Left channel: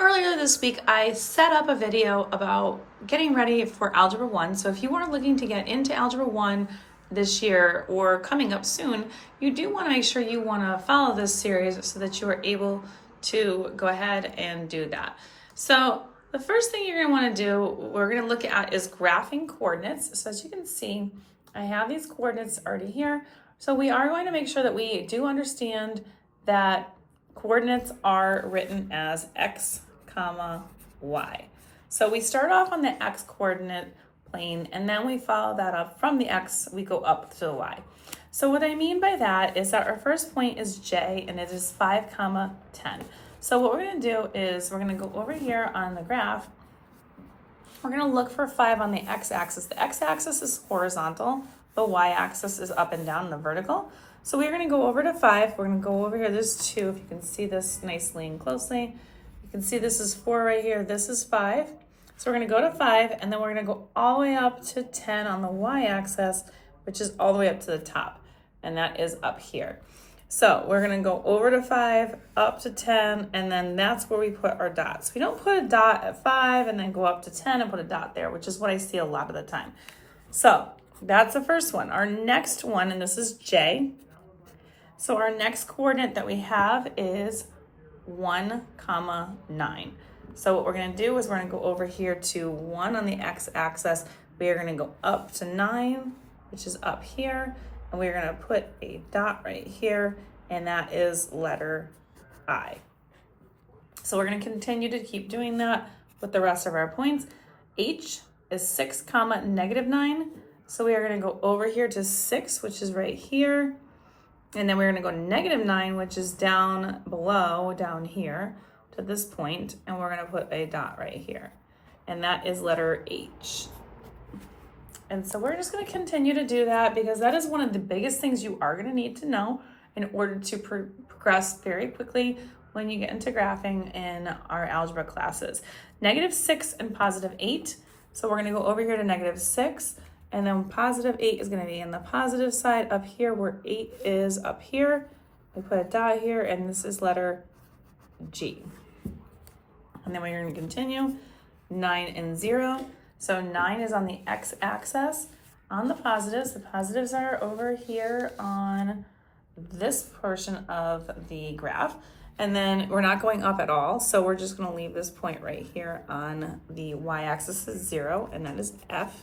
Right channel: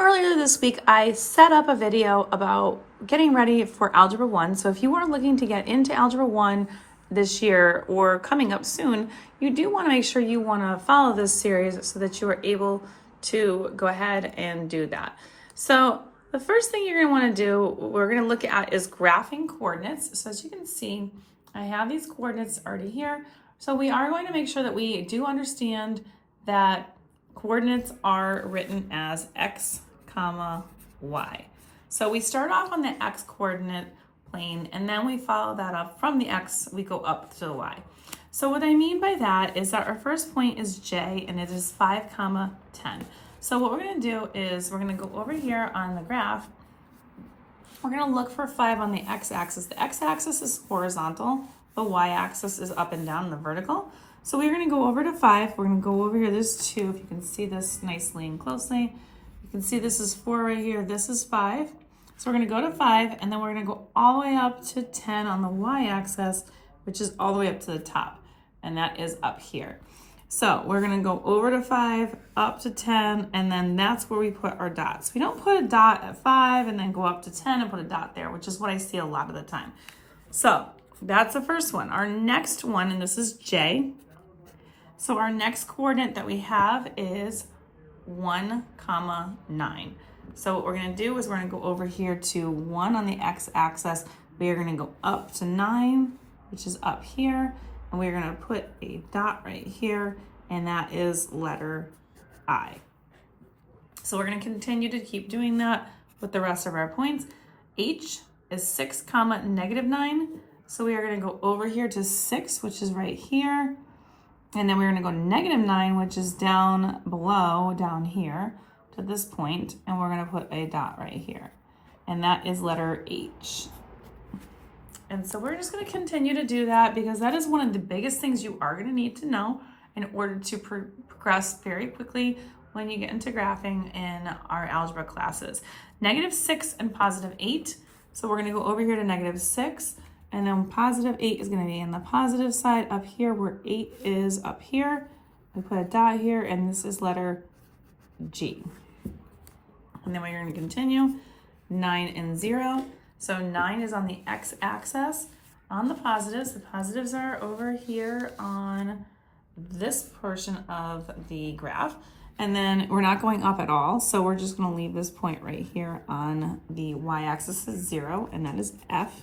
Earlier this week, I set up a video about getting ready for Algebra 1. So if you are looking to get into Algebra 1 this year or coming up soon, you do want to make sure you want to follow this series so that you are able to go ahead and do that. So the first thing you're going to want to do, we're going to look at is graphing coordinates. So as you can see, I have these coordinates already here. So we are going to make sure that we do understand that coordinates are written as x, comma, y. So we start off on the x coordinate plane and then we follow that up from the x, we go up to the y. So what I mean by that is that our first point is j and it is 5, comma, 10. So what we're going to do is we're going to go over here on the graph. We're going to look for 5 on the x-axis. The x-axis is horizontal. The y-axis is up and down, the vertical. So we're going to go over to 5. We're going to go over here. There's 2. If you can see this nicely and closely. You can see this is 4 right here. This is 5. So we're going to go to 5, and then we're going to go all the way up to 10 on the y-axis, which is all the way up to the top. And that is up here. So we're going to go over to 5, up to 10, and then that's where we put our dots. We don't put a dot at 5 and then go up to 10 and put a dot there, which is what I see a lot of the time. So that's the first one. Our next one, and this is j. So our next coordinate that we have is 1, comma, 9. So what we're going to do is we're going to go over here to 1 on the x-axis. We are going to go up to 9, which is up here. And we're going to put a dot right here, and that is letter I. So we're going to continue to keep doing that with the rest of our points. H is 6, comma, negative 9. So we are going to go over here to 6, which is right here. And then we're going to go negative 9, which is down below, down here to this point, and we're going to put a dot right here. And that is letter H. And so we're just going to continue to do that because that is one of the biggest things you are going to need to know in order to progress very quickly when you get into graphing in our algebra classes. Negative 6 and positive 8. So we're going to go over here to negative 6. And then positive 8 is going to be in the positive side up here where 8 is up here. We put a dot here, and this is letter G. And then we're going to continue 9 and 0. So 9 is on the x-axis on the positives. The positives are over here on this portion of the graph. And then we're not going up at all. So we're just going to leave this point right here on the y-axis is 0, and that is F.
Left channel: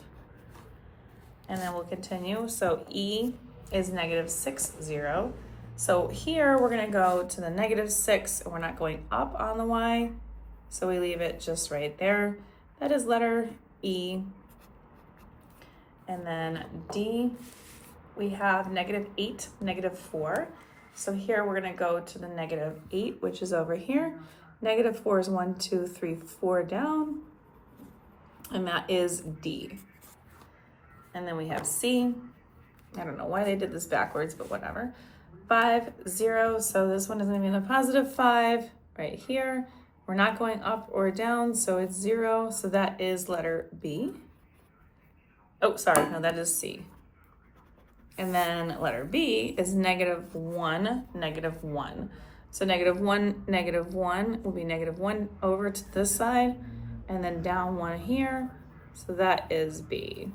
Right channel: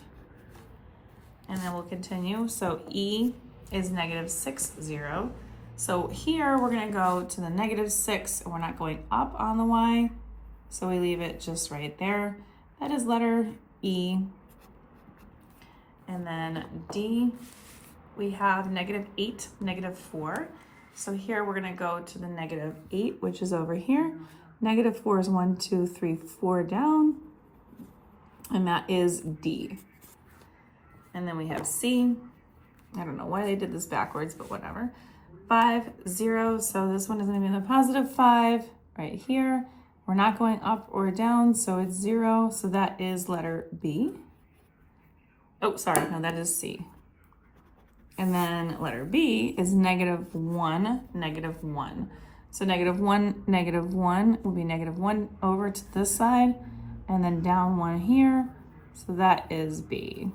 And then we'll continue. So E is negative 6, 0. So here we're going to go to the negative 6. We're not going up on the Y. So we leave it just right there. That is letter E. And then D, we have negative 8, negative 4. So here we're going to go to the negative 8, which is over here. Negative 4 is 1, 2, 3, 4 down. And that is D. And then we have C. I don't know why they did this backwards, but whatever. 5, 0. So this one is going to be in the positive 5 right here. We're not going up or down, so it's 0. So that is letter B. Oh, sorry. No, that is C. And then letter B is negative 1, negative 1. So negative 1 will be negative 1 over to this side, and then down 1 here. So that is B.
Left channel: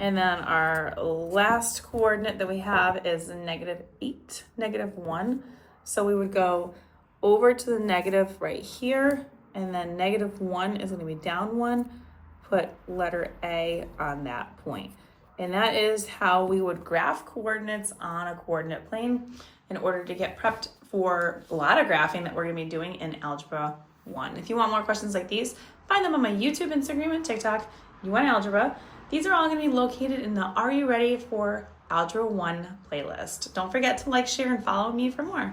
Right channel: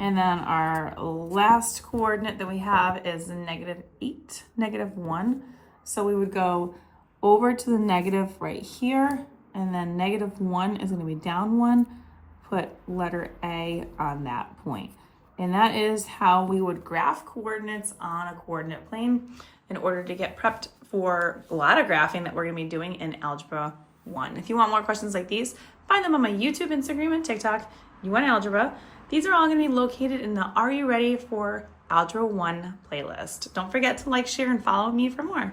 And then our last coordinate that we have is negative 8, negative 1. So we would go over to the negative right here, and then negative 1 is going to be down 1. Put letter A on that point. And that is how we would graph coordinates on a coordinate plane in order to get prepped for a lot of graphing that we're going to be doing in Algebra 1. If you want more questions like these, find them on my YouTube, Instagram, and TikTok, YouWantAlgebra. These are all going to be located in the Are You Ready for Algebra 1 playlist. Don't forget to like, share, and follow me for more.